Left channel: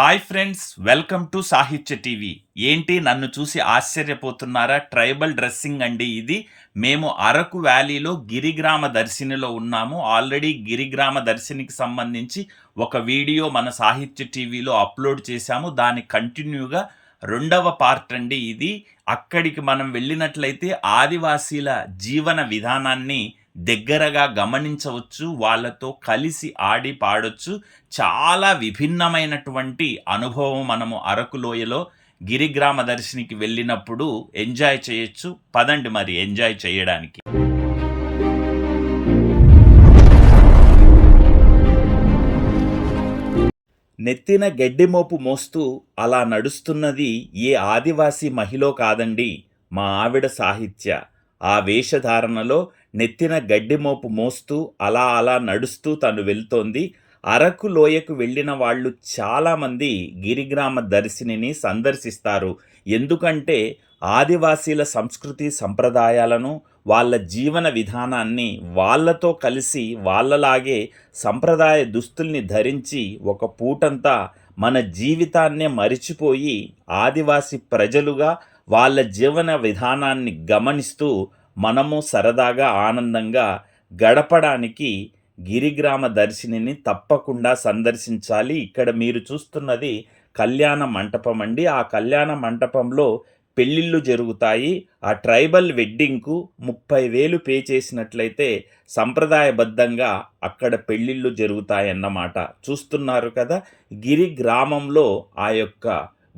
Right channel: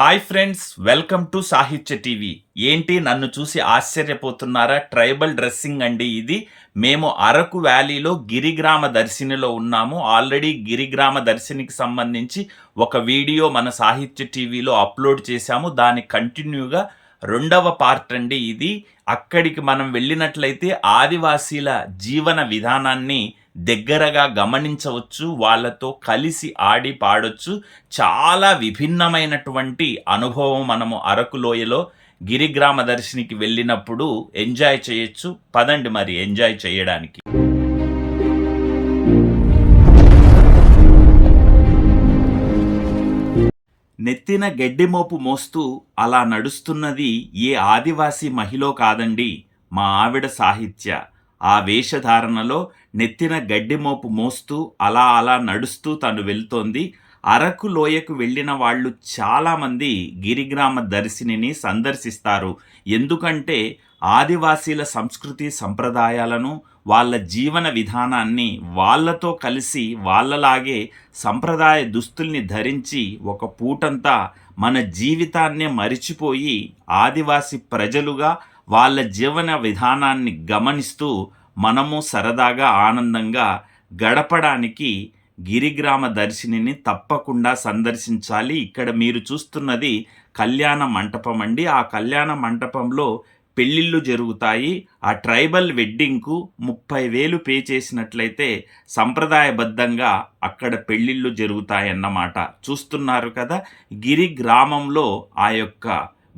Hi friends welcome to Sahithya TV. ఏంటి నన్ను చూసి ఆశ్చర్యపోతున్నారా? ట్రైబల్ డ్రెస్సింగ్ అండి ఇది. మేము అరకు వ్యాలీలో గిరిగ్రామ దర్శినిలో ఉన్నాము. ఆల్రెడీ గిరిగ్రామ దర్శినికి సంబంధించి ఒక వీడియో మన సాహిత్య టీవీలో అప్లోడ్ చేశాము. దాని కంటిన్యూగా రెండవ పార్ట్ అండి ఇది. అక్కడికి మనం వెళ్ళినట్లయితే ఆదివాసీల జీవన విధానాన్ని దగ్గరగా గమనించవచ్చు వాళ్ళతో కలిసి ఆడి పాడొచ్చు. చాలా విభిన్నమైనటువంటి అనుభవం మనము అరకు లోయలో గిరిగ్రామ దర్శినికి వెళ్ళినప్పుడు ఎంజాయ్ చేయొచ్చు. పదండి మరి ఎంజాయ్ చేయడానికి. నెత్తిన గడ్డిమోపు మోస్తూ అలా నడుస్తున్నది ఏ ఆదివాసీ మహిళ కాదండి మా ఆవిడ సాహిత్య. ఆ వేషధారణలో నెత్తిన గడ్డిమోపు మోస్తూ అలా అలా నడుస్తూ తను వెళ్తోంది. అరకు లోయకు వెళ్ళిన వాళ్ళు చాలామంది గిరిగ్రామ దర్శినిని సందర్శిస్తారు. ఎందుకంటే ఆదివాసీల సంస్కృతి సంప్రదాయాలను వాళ్ళ జీవన విధానాన్ని వాళ్ళతో కలిసి వాళ్ళలాగే సంప్రదాయ దుస్తుల్ని ధరించి ఒక పూటంతా మన జీవితాన్నే మరిచిపోయి ఆదివాసి ప్రజలుగా వాళ్ళ జీవన విధానాన్ని గమనిస్తూ మనము సరదాగా ఆనందంగా గడపడానికి గిరిగ్రామ దర్శినిని తప్పకుండా సందర్శించాలి. ఇక్కడ మీరు చూస్తున్నది కళ్యాణ మంటపం అండి. ఆ కళ్యాణ మంటపంలో పెళ్ళిళ్ళు జరుగుతాయి. ఆ ట్రైబల్ వెడ్డింగ్కు ముప్పై వేలు పే చేసినట్లయితే సంప్రదాయబద్ధంగా అక్కడ పెళ్ళిళ్ళు జరుగుతాయన్నమాట. చూస్తున్నారు కదా గిరి గ్రామంలో ఆ యొక్క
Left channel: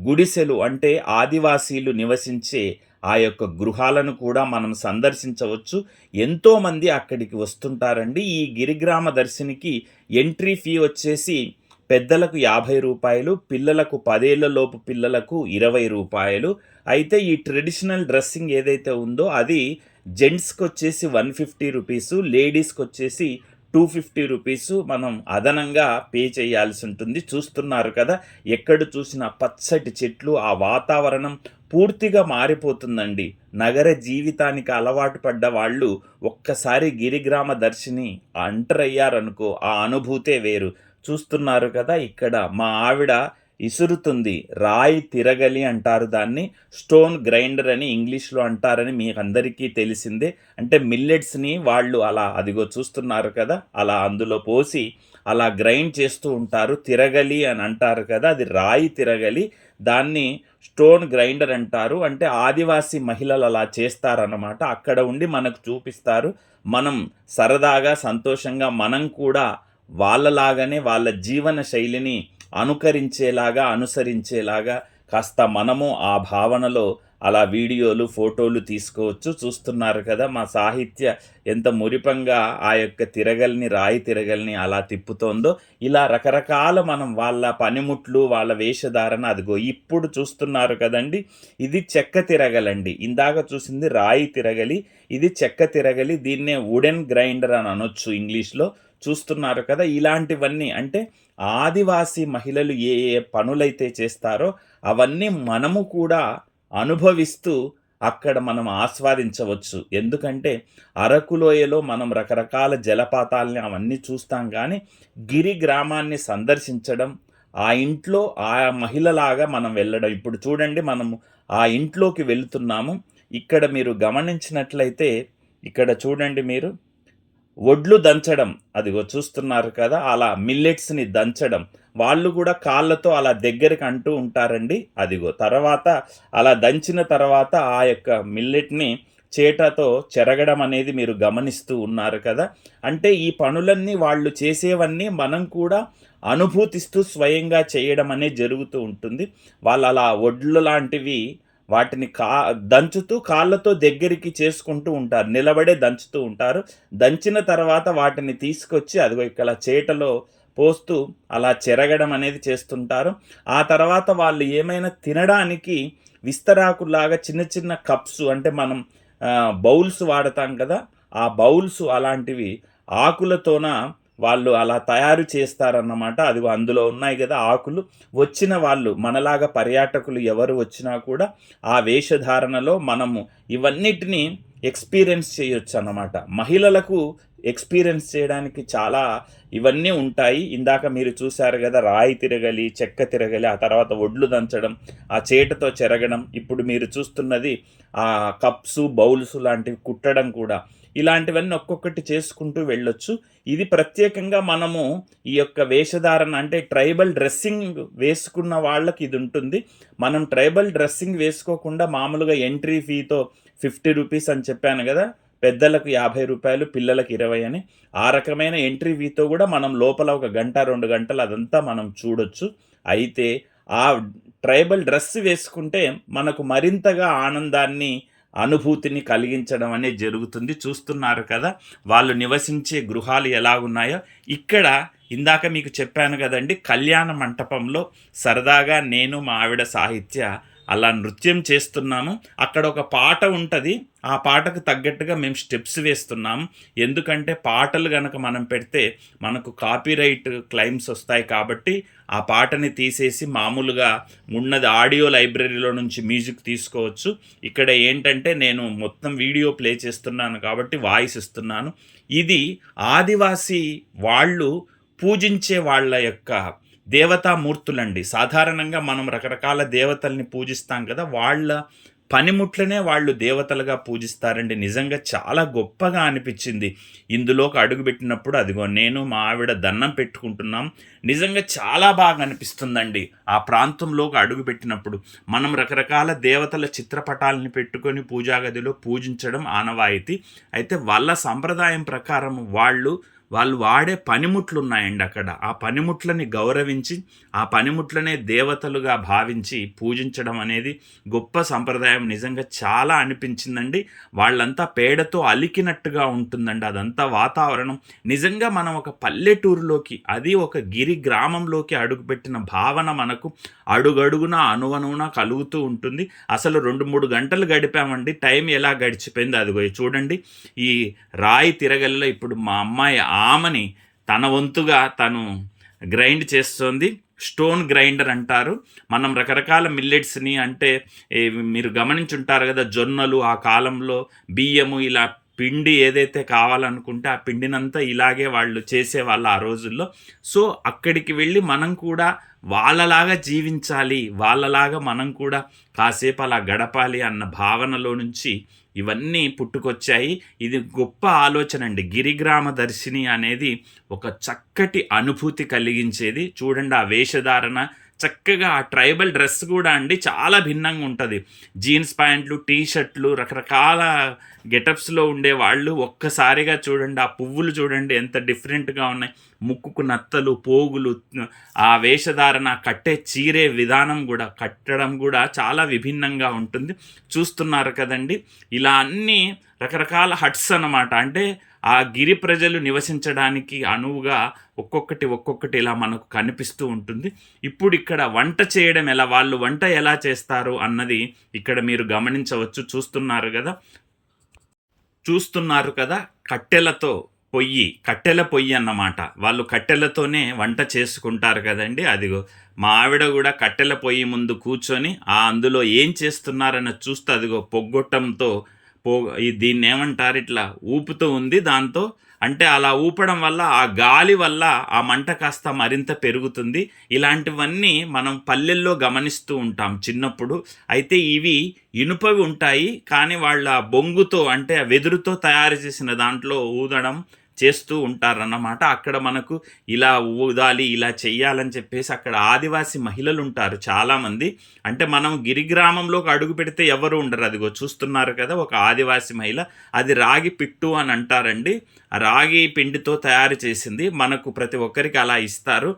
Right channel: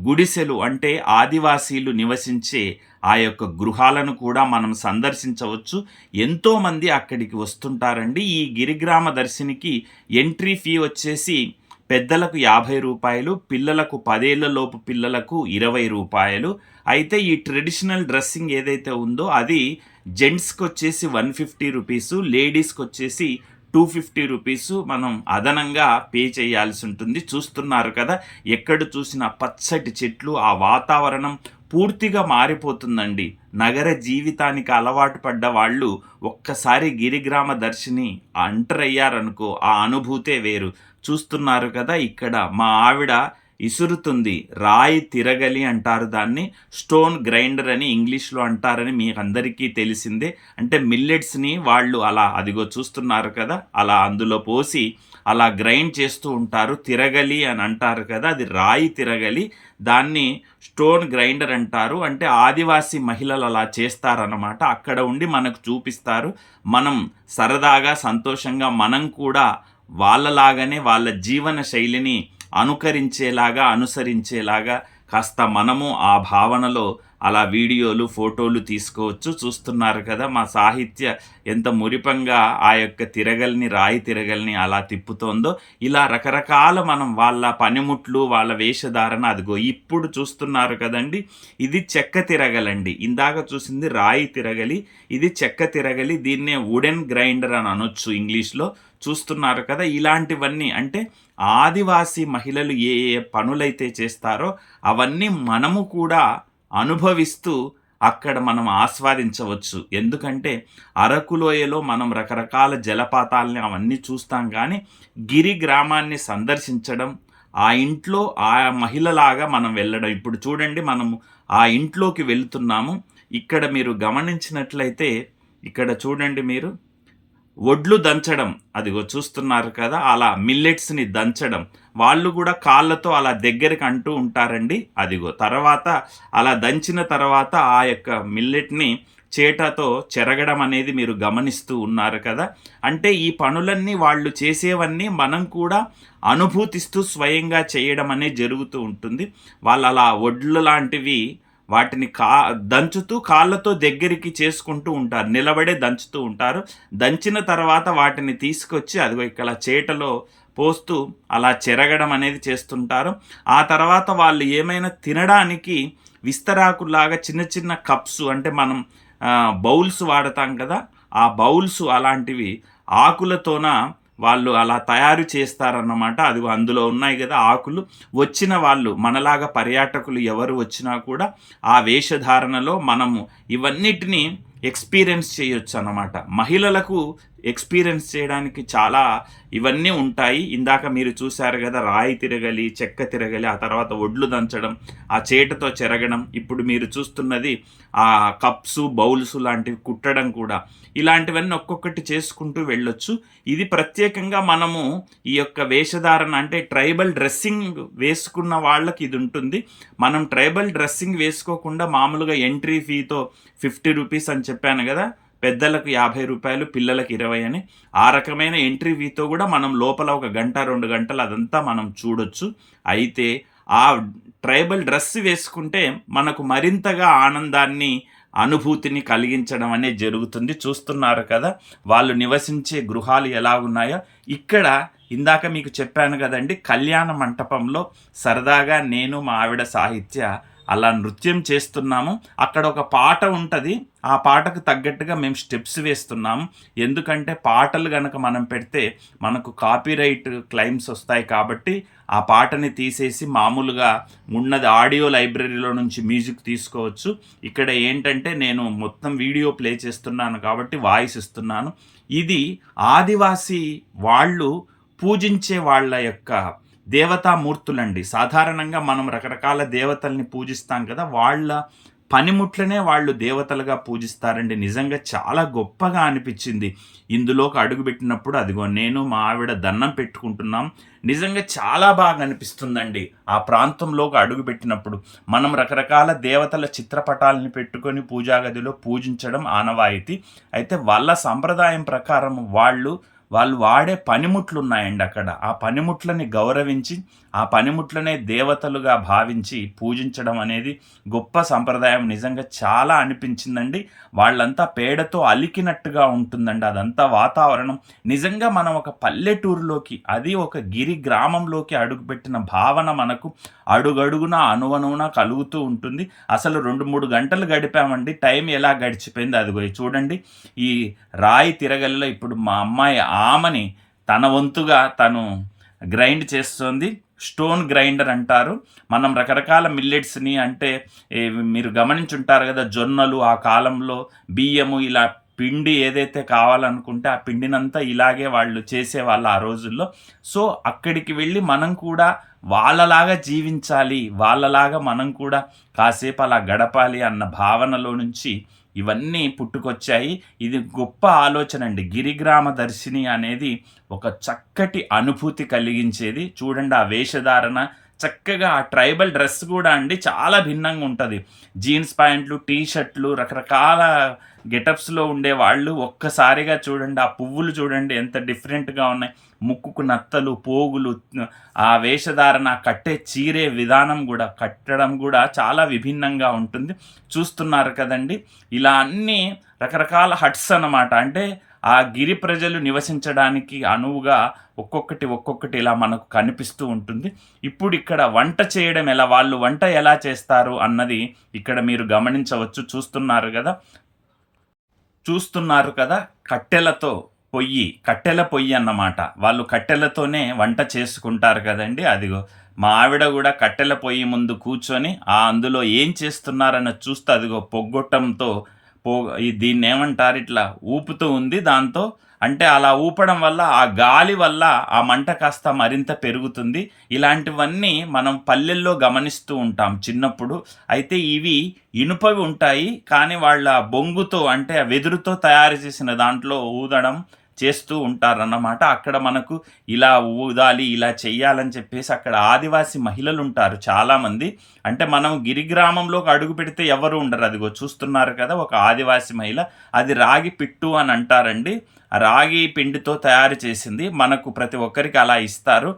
గుడిసెలు అంటే ఆదివాసీలు నివసించే ఆ యొక్క గృహాలను కూడా మనం సందర్శించవచ్చు. ఎంతోమంది అక్కడికి వస్తుంటారండి. ఈ గిరిగ్రామ దర్శినికి ఎంట్రీ ఫీ వచ్చేసి పెద్దలకు యాభై రూపాయలు పిల్లలకు పదేళ్ళలోపు పిల్లలకు ఇరవై రూపాయలు. అయితే ఈ ట్రెడిషనల్ డ్రెస్సింగ్ ఏదైతే ఉందో అది జెంట్స్కి వచ్చేసి వన్ ఫిఫ్టీ రూపీసు లేడీస్కి వచ్చేసి టూ ఫిఫ్టీ రూపీస్ మనం అదనంగా పే చేయాల్సి ఉంటుంది. చూస్తున్నారు కదా ఎక్కడ చూసిన పచ్చటి చెట్లు ఆ వాతావరణం పూర్తిగా మారిపోతుందండి. నగర జీవితానికి అలవాటు పడ్డ వాళ్ళు ఒక్కసారి గిరిగ్రామ దర్శిని అంటర్ అయ్యారనుకో ఆ అనుభూతే వేరు. చూస్తున్నారు కదా ఇక్కడ మా ఆవిడ ఇసురుతుంది రాయి తిరగలి అంటారు దాన్ని స్టోన్ గ్రైండర్ అని ఇంగ్లీష్లో అంటారని మీకు అందరికీ తెలిసిందే. అంటే మిల్లెట్స్ని వాళ్ళు అలా అదిగో చూస్తున్నారు కదా అలా అందులో పోసి అలా గ్రైండ్ చేస్తూ ఉంటారు తిరగలి అని అంటారు కదా అది రాయి తిరగలి దాన్ని స్టోన్ గ్రైండర్ అంటారు. అంటే ఆదివాసీ మహిళలు అలా చేస్తారన్నమాట. అక్కడ ఉండి మనకు చూపిస్తారు. మనం సరదాగా సంతోషంగా మనం కూడా వాళ్ళలాగానే వాళ్ళ జీవన శైలిని అనుకరించేలాగా అనుసరించేలాగా కాస్త మనము ఆ భావనలో అలా వీడియోలు ఫోటోలు తీసుకోవచ్చు. చూస్తున్నారు కదా మా సాహిత్య ఎంత మురిపంగా ఆ యొక్క తిరగల్ని రాయి తిరగల్ని అలా తిప్పుతోందో ఇలా రకరకాల మనం వాళ్ళ పనిముట్లు వాళ్ళ వేషధారణ అదిగో ఇప్పుడు చూస్తున్నారు కదండి. ఇది చెక్క తిరగలండి. ఇందాక చూసింది రాయి తిరగలి ఇది చెక్క తిరగలి దీన్నే వుడెన్ గ్రైండర్ అని అనొచ్చు ఇంగ్లీష్లో. చూస్తున్నారు కదా ఇలాంటివన్నీ అంటే ఆదివాసీ మహిళలు ఏ ఏ పనులైతే చేస్తారో అవన్నీ మనము కూడా అనుభవిస్తూ అక్కడ మనం ఆస్వాదించవచ్చు. ఎందుకంటే అరకులోయలో మనం రకరకాల జలపాతాలని అవన్నీ చూస్తాం కానీ గిరి గ్రామాన్ని సందర్శించడం ఆ ఇంట్లో ఆ మహిళలాగా మనం వెళ్ళడం. ఇప్పుడు చూడండి మనము ఆ ఇంట్లోకి వెళుతున్నాము. ఇక్కడ మీరు గమనించినట్లయితే ఇక్కడ చూడండి మీరు ఒడ్లు దంచడం. అదిగో చూస్తున్నారు కదా అలా మిల్లెట్స్ని దంచడం. వాళ్ళు కూడా కాళ్ళతో అలా దగ్గరికి అంటూ ఉంటారండి. అదిగో తర్వాత అలా దంచిన తర్వాత ఆ యొక్క మిల్లెట్ని చేటతో చెరగడం అనేది మీరు గమనిస్తూ ఉన్నారు కదా. అంటే ఈ పనులన్నీ వాళ్ళు చేసేవన్నీ మనం కూడా అనుభూతిస్తూ స్వయంగా చేయడం అనేది జరుగుతూ ఉంటుంది. వాళ్ళు అలా ఒడ్లు లాంటివి వాటిని కా దంచుతూ కాళ్ళతో దగ్గరికి చేసుకుంటూ ఉంటారు. నిలబడే దంచుతూ ఉంటారు. దంచిన తర్వాత వాటిని తీసుకొచ్చి అదిగో ఇక్కడ చేటలో పోస్తూ అలా చెరగడం అనేది చేస్తుంటారు. ఆ తర్వాత వాళ్ళు ఏమైనా తినడానికి విస్తరాకులాగా చిన్న చిన్న కప్స్ అంటే మనం బౌల్స్ వాడతాం కదా ఆ బౌల్స్ అలాంటివి ఆకులతోన వాళ్ళు అలా తయారు చేస్తారన్నమాట. అది అందులో ఉన్నాయి కదా ఆకులు. వచ్చిన వాళ్ళు మనలాగా పర్యాటకులు ఎవరు వచ్చినా కూడా ఆ వేషధారణలో మనము ఇవన్నిటినీ ఎక్స్పీరియన్స్ చేయొచ్చు అన్నమాట. మహిళలకు ఎక్స్పీరియన్స్ చేయడానికి చాలా ఇవన్నీ ఉంటాయి. ఇందాక మీరు చూశారు కదా రాయి తిరగలి చెక్క తిరగలి ఆ తర్వాత ఒడ్లు దంచడం ఆ చేటతో చెరగడం. ఇప్పుడు మీరు చూస్తున్నది ఆ కప్స్ బౌల్స్ లాంటివి కుట్టడం కూడా. ఇలాంటివన్నీ ఒక్కొక్కటి చేసుకుంటూ వెళ్ళొచ్చు. ఇది ప్రత్యేకంగా మనము ఈ యొక్క వేషధారణ అంటే ట్రైబల్ డ్రెస్సింగ్ వేసుకున్న వాళ్ళకి ఇది ఉంటుంది. మనం ట్రైబల్ డ్రెస్సింగ్ వేసుకోకుండా మామూలుగా ఎంట్రీ ఫీతో ఫిఫ్టీ రూపీస్ అని చెప్పాను కదా పెద్దలకు యాభై రూపాయలు పిల్లలకు ఇరవై అని. ఆ రకమైన ఎంట్రీ వీతో కూడా మనం లోపల ఒక గంట రెండు గంటలు అదంతా మనం చూడొచ్చు. అయితే ఆ ట్రైబల్ డ్రెస్ వేసుకుంటే మనకు మరింతగా ఆనందాన్ని అనుభూతిని కలిగించడం అనేది జరుగుతుంది. చూస్తున్నారు కదా వాళ్ళు నివసించే గృహాలు ఎలా ఉన్నాయో ఇక్కడ ఇందాక మీకు చెప్పాను కదండి కళ్యాణ మంటపంలో సరదాగా నేను మా ఆవిడ సాహిత్య అలా నృత్యం చేస్తున్నాము. అక్కడ ఒక పాట ఉంటుంది. ఆ పాటకు తగ్గట్టుగా మేము స్టెప్స్ వేస్తున్నాము ఎందుకంటే పాటలు కనుక మనం పెడితే మనకు కాపీరైట్ క్లైమ్స్ వస్తాయి కాబట్టి ఆ పాటని తీసేసి మామూలుగా ఉన్నది ఆడియో లైబ్రరీలో నుంచి మ్యూజిక్ తీసుకోవచ్చు. ఇక్కడ ఏంటంటే నేను మొత్తం వీడియో ప్లే చేస్తున్నాను కాబట్టి వాయిస్ ఇస్తున్నాను. ఇది ఆదివాసీ వాళ్ళు పూజించే వాళ్ళ యొక్క దేవతామూర్తులండి. సాధారణంగా మనం రకరకాల దేవతల్ని పూజిస్తాం కదా వాళ్ళ పనిముట్లనే వాళ్ళు దేవతలుగా పూజిస్తారండి. నిజంగా చాలా గొప్పగా అనిపించింది. ఇందులోకి అడుగుపెట్టినప్పుడు అదిగో నేను మా ఆవిడ దండం పెట్టుకుంటున్నాం. నిజంగా చాలా బాగా అనిపిస్తుందండి. ఆ ప్రాంతంలోకి అడుగుపెట్టినప్పుడు మనం రకరకాల దేవతల చిత్రపటాలని పెట్టుకొని పూజా గదిలో పూజించడం ఆనవాయితీ. అయితే వాళ్ళ సంప్రదాయం ప్రకారం వాళ్ళు వాళ్ళు వాడే పనిముట్లు ఉన్నాయండి అక్కడ. ఆ పనిముట్లని గౌరవించి ఆ పనిముట్లనే దేవతలుగా భావించి పూజించడం అనేది గొప్ప సంప్రదాయం. నిజంగా చాలా అనిపించిందండి. వాళ్ళంతా పేడతో అలికినట్టుగా ఉంటుందండి అదంతా వాతావరణం. నిజంగా మనం ఒక పల్లెటూరులోకి అది ఒక గిరి గ్రామంలోకి అడుగుపెట్టిన భావన మనకు అడుగడుగున అనువనువున కలుగుతూ ఉంటుంది. అసలు రెండు మూడు గంటలు గడిపామండి. టైం ఎలా గడిచిపోయింది అదిగో చూడండి. ఈ రాయి తిరగల్లో ఇప్పుడు మా అమ్మాయి ఆమెని తన వంతుగా తను గ్రైండ్ చేస్తుంది. స్టోన్ గ్రైండర్ అంటారు. మనం రకరకాల మిల్లెట్స్ని అంటే మీరు గమనించుంటారు కదా జొన్నలు ఆ కాలంలో బియ్యము ఇలా పిండి ఏదైతే కావాలనుకుంటే ఆ పిండినంతా ఇలాగే వాళ్ళు చేసేవాళ్ళు ఆ రోజుల్లో. సో అక్కడికి వెళ్ళి మనం కూడా వాళ్ళలాగా జీవించాలి వాళ్ళలాగా మనం కూడా కాసేపు అలా గడపాలి అన్న భావనలో నుంచి ఇవన్నీ పుట్టుకొచ్చాయి. ఇది గొప్ప ఆలోచన అండి. గిరిగ్రామ దర్శిని అనేది ఒక చక్కటి అనుభూతి కలిగించేది. చూడండి ఆ వేషధారణ చక్కగా ఆ ట్రైబల్ డ్రెస్ కూడా అండి చాలా భిన్నంగా ఉంటుంది. జీన్స్ ప్యాంట్లు టీ షర్ట్లు రకరకాల గెటప్స్లో ఉండే వాళ్ళు ఒక్కసారిగా చూడండి ఆ పువ్వులు చూడండి ఎంత డిఫరెంట్గా ఉన్నాయి. ముక్కుకు నత్తలు పోగులు ఆ వేషధారణ కట్టే చీరే విధానం కూడా కట్టడం కూడా చాలా విభిన్నంగా ఉంటుంది. చూస్తున్నారు కదండి. ఇలా అన్నీ రకరకాల హట్స్ అన్నమాట. అంటే ఆ గిరి ప్రజలు నివసించడానికి అనువుగా ఒక్కొక్కటి ఒక్కొక్కటి ఇలా మనకు కనిపిస్తూ ఉంటుంది. ఇప్పుడు ఇక్కడ వంట చేయడం ఎలా వాళ్ళు వంట ఎలా చేస్తారు అన్నది ఇక్కడ మీరు గమనించవచ్చు. చూస్తున్నారు కదా? చూస్తున్నారు కదా? కట్టెలతో పొయ్యి కట్టెల పొయ్యి అన్నమాట. వాళ్ళు కట్టెలతోనే వంట చేసుకుంటారు కదండి. అదిగో మా ఆవిడ కూడా కట్టెల పొయ్యి ముందు కూర్చొని ఆ అందులో ఏం చేస్తున్నారన్న చూస్తే అదిగో పొగ్గొట్టంతో పో దీన్ని ఏమంటారు ఇట్లా ఊపుతూ ఉంది దాంతో. అంటే అలా ఊపడం వల్ల ఆ గాలి వల్ల ఆ మంట కాస్త మరింత పెరుగుతుంది. ఇలాంటివన్నీ మనం పల్లెల్లో గమనిస్తూ ఉంటాం చిన్నప్పుడు. అయితే ఇవి ఇనుపవి ఉంటాయి. కానీ వాళ్ళ బొంగుతో అంటే వెదురుతో తయారు చేసిన దాంట్లో ఊదడం చేస్తూ ఉంటారన్నమాట. అక్కడ మనకు ఇలా ఊదాలి ఇలా చెయ్యాలని చెప్పేసి అక్కడ ఆదివాసి మహిళలు ఉంటారు చాలామంది. అంటే మనం గిరిగ్రామంలోకి అడుగు పెడితే ఎవరు ఉండరు. అదిగో చూస్తున్నారు కదా ఒక ఆదివాసి మహిళ. అది రాగి పిట్టు అని అంటారండి. రాగి పిండితో తయారు చేసింది. మనకు ప్రతి ఒక్కరికి అలా ఇస్తారు.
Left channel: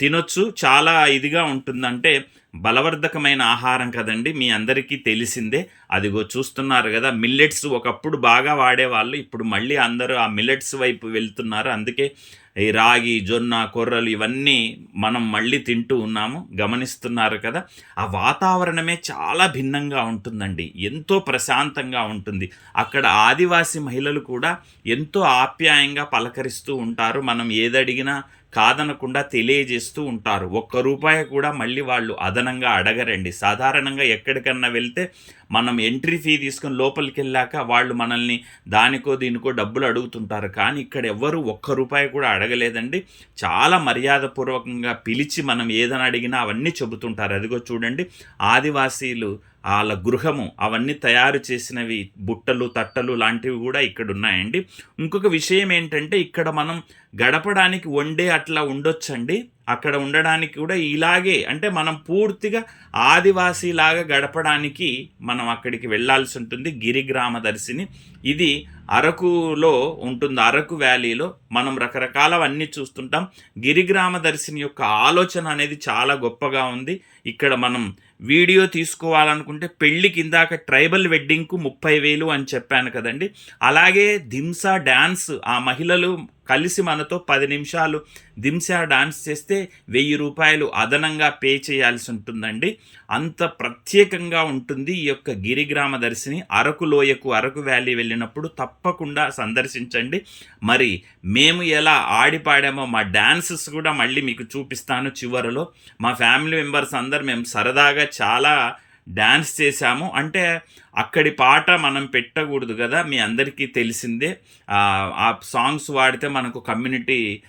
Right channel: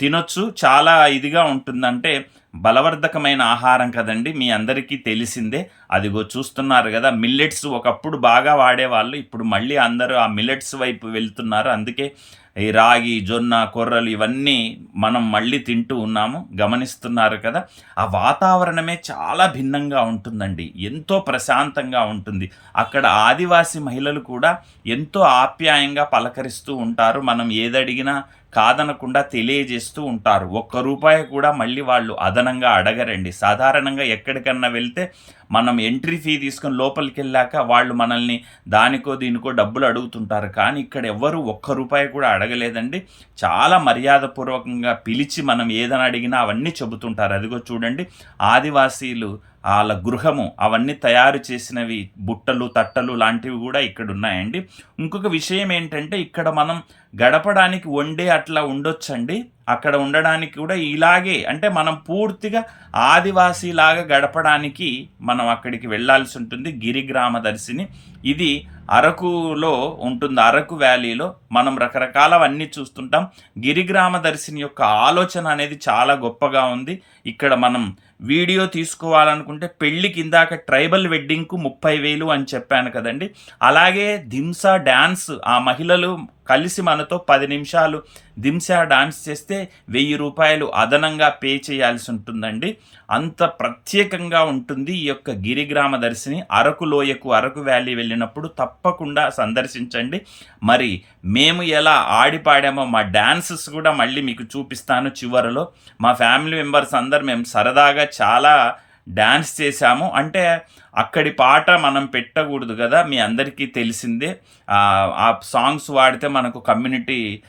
తినొచ్చు. చాలా ఇదిగా ఉంటుందంటే బలవర్ధకమైన ఆహారం కదండి మీ అందరికీ తెలిసిందే. అదిగో చూస్తున్నారు కదా మిల్లెట్స్ ఒకప్పుడు బాగా వాడేవాళ్ళు ఇప్పుడు మళ్ళీ అందరూ ఆ మిల్లెట్స్ వైపు వెళ్తున్నారు. అందుకే ఈ రాగి జొన్న కొర్రలు ఇవన్నీ మనం మళ్ళీ తింటూ ఉన్నాము గమనిస్తున్నారు కదా. ఆ వాతావరణమే చాలా భిన్నంగా ఉంటుందండి ఎంతో ప్రశాంతంగా ఉంటుంది. అక్కడ ఆదివాసి మహిళలు కూడా ఎంతో ఆప్యాయంగా పలకరిస్తూ ఉంటారు మనం ఏదడిగినా కాదనకుండా తెలియజేస్తూ ఉంటారు. ఒక్క రూపాయి కూడా మళ్ళీ వాళ్ళు అదనంగా అడగరండి. సాధారణంగా ఎక్కడికన్నా వెళ్తే మనం ఎంట్రీ ఫీ తీసుకొని లోపలికి వెళ్ళాక వాళ్ళు మనల్ని దానికో దీనికో డబ్బులు అడుగుతుంటారు. కానీ ఇక్కడ ఎవ్వరు ఒక్క రూపాయి కూడా అడగలేదండి. చాలా మర్యాదపూర్వకంగా పిలిచి మనం ఏదని అడిగినా అవన్నీ చెబుతుంటారు. అదిగో చూడండి ఆదివాసీలు వాళ్ళ గృహము అవన్నీ తయారు చేసినవి బుట్టలు తట్టలు లాంటివి కూడా ఇక్కడ ఉన్నాయండి. ఇంకొక విషయం ఏంటంటే ఇక్కడ మనం గడపడానికి వండే అట్లా ఉండొచ్చండి. అక్కడ ఉండడానికి కూడా ఇలాగే అంటే మనం పూర్తిగా ఆదివాసీలాగా గడపడానికి మనం అక్కడికి వెళ్ళాల్సి ఉంటుంది గిరిగ్రామ దర్శిని. ఇది అరకులో ఉంటుంది అరకు వ్యాలీలో మనం రకరకాలవన్నీ చూస్తుంటాం. గిరిగ్రామ దర్శిని యొక్క ఆలోచన అనేది చాలా గొప్పగా ఉంది. ఇక్కడ మనం వీడియో తీసుకోవాలనుకుంటే పెళ్ళికి ఇందాక ట్రైబల్ వెడ్డింగ్కు ముప్పై వేలు అని చెప్పాను కదండి. అలాగే ధింసా డ్యాన్స్ ఆ మహిళలు కలిసి మనతో పది నిమిషాలు దింసా డాన్స్ చేస్తే వెయ్యి రూపాయలు అదనంగా పే చేయాల్సి ఉంటుందండి. అంత ప్రత్యేకంగా ఉంటుంది ఈ యొక్క గిరిగ్రామ దర్శిని. అరకు లోయకు అరకు వ్యాలీ వెళ్ళినప్పుడు తప్పకుండా సందర్శించండి. మరి మేము ఎలా ఆడిపాడామో మా డ్యాన్సెస్ కూడా మళ్ళీ మీకు చూపిస్తాను చివరిలో. మా ఫ్యామిలీ మెంబర్స్ అందరు మేము సరదాగా చాలా డ్యాన్స్ చేశాము. అంటే అక్కడి పాట మనం పెట్టకూడదు కదా మీ అందరికీ తెలిసిందే. ఆ సాంగ్స్ వాడితే మనకు కమ్యూనిటీ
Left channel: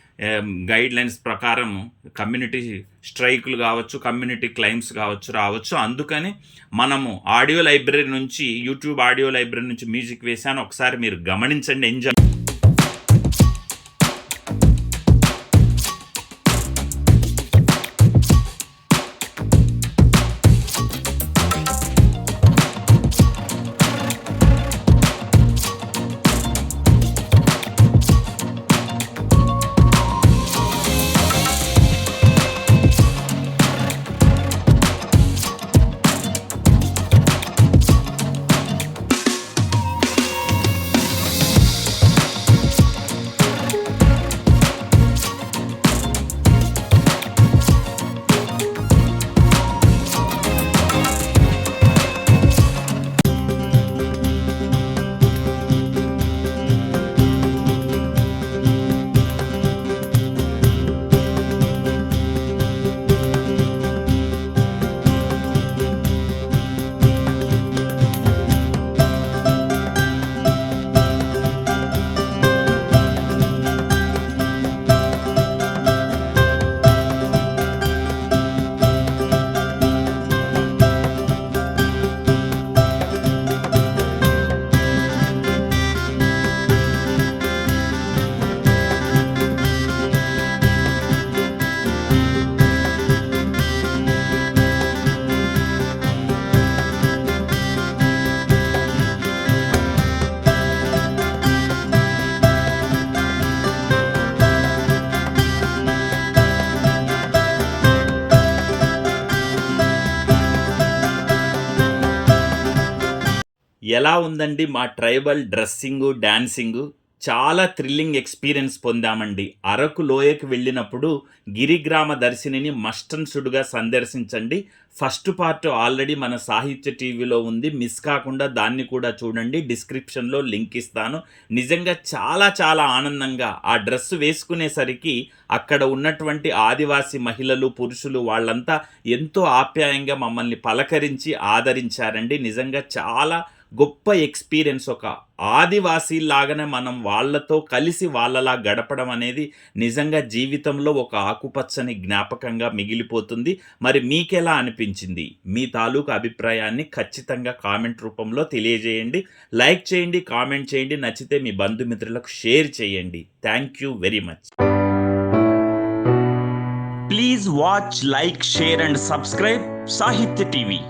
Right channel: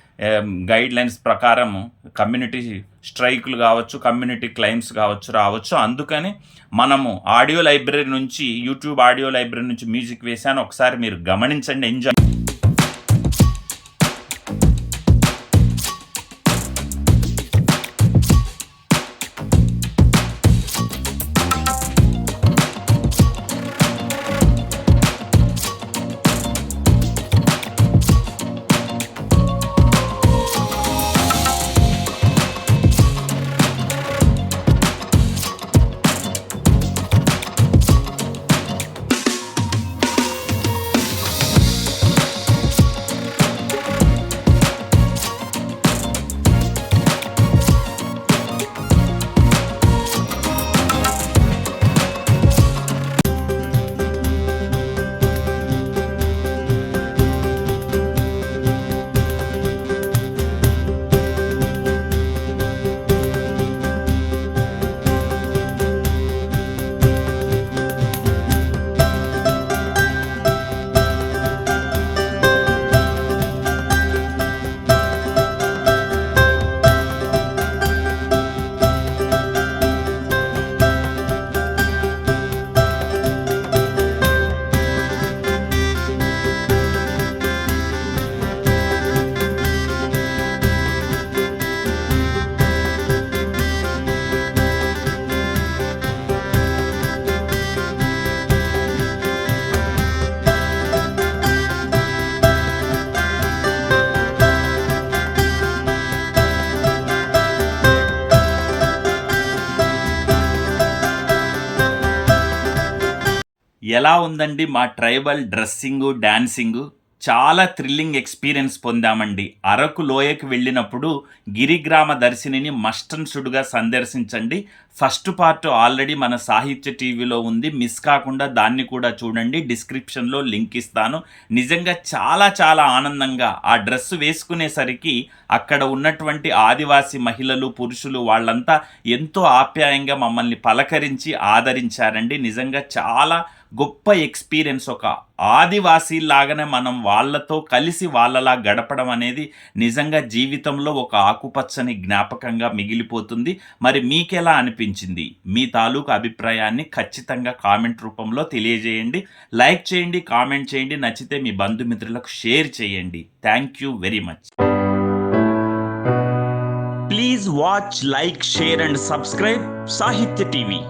గైడ్ లైన్స్ ప్రకారం కమ్యూనిటీ స్ట్రైకులు కావచ్చు కమ్యూనిటీ క్లైమ్స్ కావచ్చు రావచ్చు. అందుకని మనము ఆడియో లైబ్రరీ నుంచి యూట్యూబ్ ఆడియో లైబ్రరీ నుంచి మ్యూజిక్ వేశాను. ఒకసారి మీరు గమనించండి. ఎంజాయ్ ఎలా ఉందండి మా ట్రైబల్ డ్రెస్సింగు డ్యాన్సింగు చాలా థ్రిల్లింగ్ ఎక్స్పీరియన్స్ పొందామండి. అరకు లోయకు వెళ్ళినప్పుడు గిరిగ్రామ దర్శినిని మస్టన్సుడుగా సందర్శించండి. ఫస్ట్ పార్ట్ ఆల్రెడీ మన సాహిత్య టీవీలో ఉంది. మిస్ కాకుండా దాన్ని కూడా చూడండి. డిస్క్రిప్షన్లో లింక్ ఇస్తాను. నిజంగా చాలా చాలా ఆనందంగా ఆ డ్రెస్ వేసుకునేసరికి అక్కడ ఉన్నటువంటి ఆదివాసీ మహిళలు పురుషులు వాళ్ళంతా ఎంతో ఆప్యాయంగా మమ్మల్ని పలకరించి ఆదరించారండి. నిజంగా చాలా గొప్ప ఎక్స్పీరియన్స్ ఒక ఆదివాసీ లాగానే మనం వాళ్ళతో కలిసి వాళ్ళలా గడపడం అనేది నిజంగా జీవితంలో ఒక ఆకుపచ్చని జ్ఞాపకంగా మిగిలిపోతుంది. మరి మీకెలా అనిపించింది? మీ తాలూకు అభిప్రాయాన్ని ఖచ్చితంగా కామెంట్ రూపంలో తెలియజేయండి. లైక్ చేయండి కామెంట్ చేయండి నచ్చితే మీ బంధుమిత్రులకు షేర్ చేయండి. Thank you very much. Please watch like share and subscribe Sahithya TV.